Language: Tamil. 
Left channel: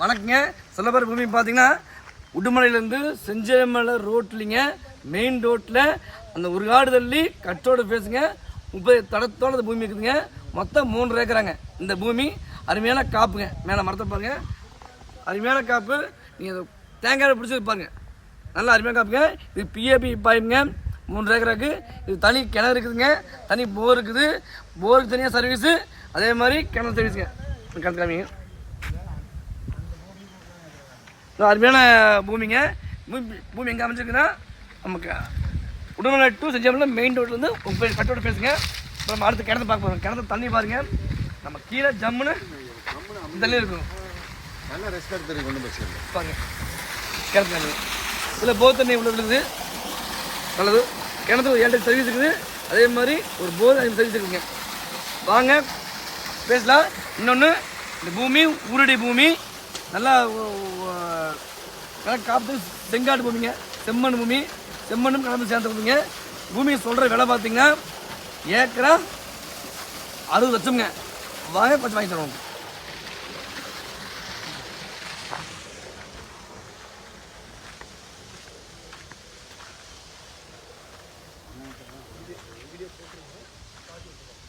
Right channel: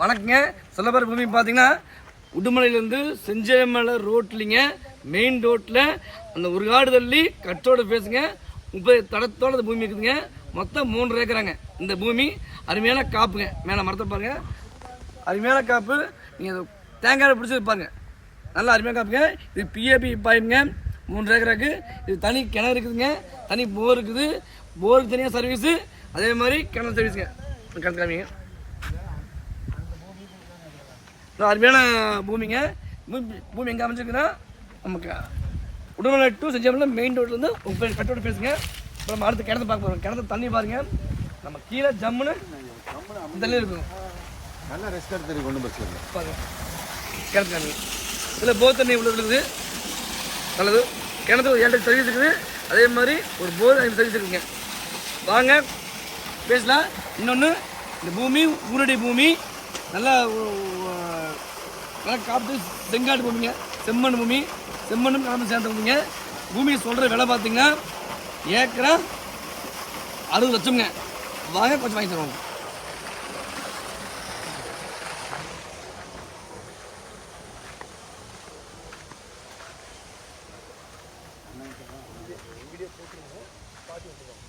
வணக்கங்க. சிலபர் பூமி பார்த்தீங்கன்னா உடுமலையிலேருந்து செஞ்சமலை ரோட்லிங்க மெயின் ரோட்டில் அந்த ஒரு காடு தள்ளி கட்டோட பேசுங்க. முப்பது தடத்தோட அந்த பூமி இருக்குதுங்க. மொத்தம் மூன்று ஏக்கராங்க. இந்த பூமி அருமையான காப்புங்க. மேலே மரத்தை பாருங்க. அருமையான காப்பு. நீங்கள் தேங்காய் பிடிச்சி பாருங்க. நல்லா அருமையான காப்புங்க. இது பிஏபி பாயுங்க மூன்று ஏக்கராக்கு இது தனி கிணறு இருக்குதுங்க. தனி போர் இருக்குது. போருக்கு தனியாக சர்வீஸு அதே மாதிரி கிணறு சர்வீஸுங்க கிணத்து காமிங்க. அருமையான பூமிங்க. பூமி எங்கே அமைஞ்சிருக்குன்னா நமக்கு உடல்நல டூ செஞ்சாமல் மெயின் ரோட்லேருந்து உங்கள் கட்டோட பேசுங்க. இப்போ நம்ம அடுத்து கிணத்து பார்க்க போகிறோம் கிணத்து தண்ணி பாருங்க. நம்ம கீழே ஜம்முன்னு தண்ணி இருக்கும். நல்ல ரெஸ்ட் எடுத்து கொண்டு பாருங்க. கிணத்து தண்ணி. இதில் போர் தண்ணி இவ்வளோ இருக்குது. நல்லது. கிணத்து ஒரு ஏழு சர்வீஸ் இருக்குது. அதே மாதிரி ஒரு போர் ஐந்து சர்வீஸ் இருக்குங்க வாங்க பேசலாம். இன்னொன்று இந்த பூமி ஊரடி பூமி நல்லா நல்லா காப்பு செங்காட்டு பூமிங்க. செம்மண் பூமி. செம்மண்ணும் கலந்து சேர்ந்த பூமிங்க. பூமி சொல்கிற விலை பார்த்தீங்கன்னா ஏக்கரா அறுபது லட்சம்ங்க. வாங்க கொஞ்சம் வாங்கி தருவோம். 가지고 들어가.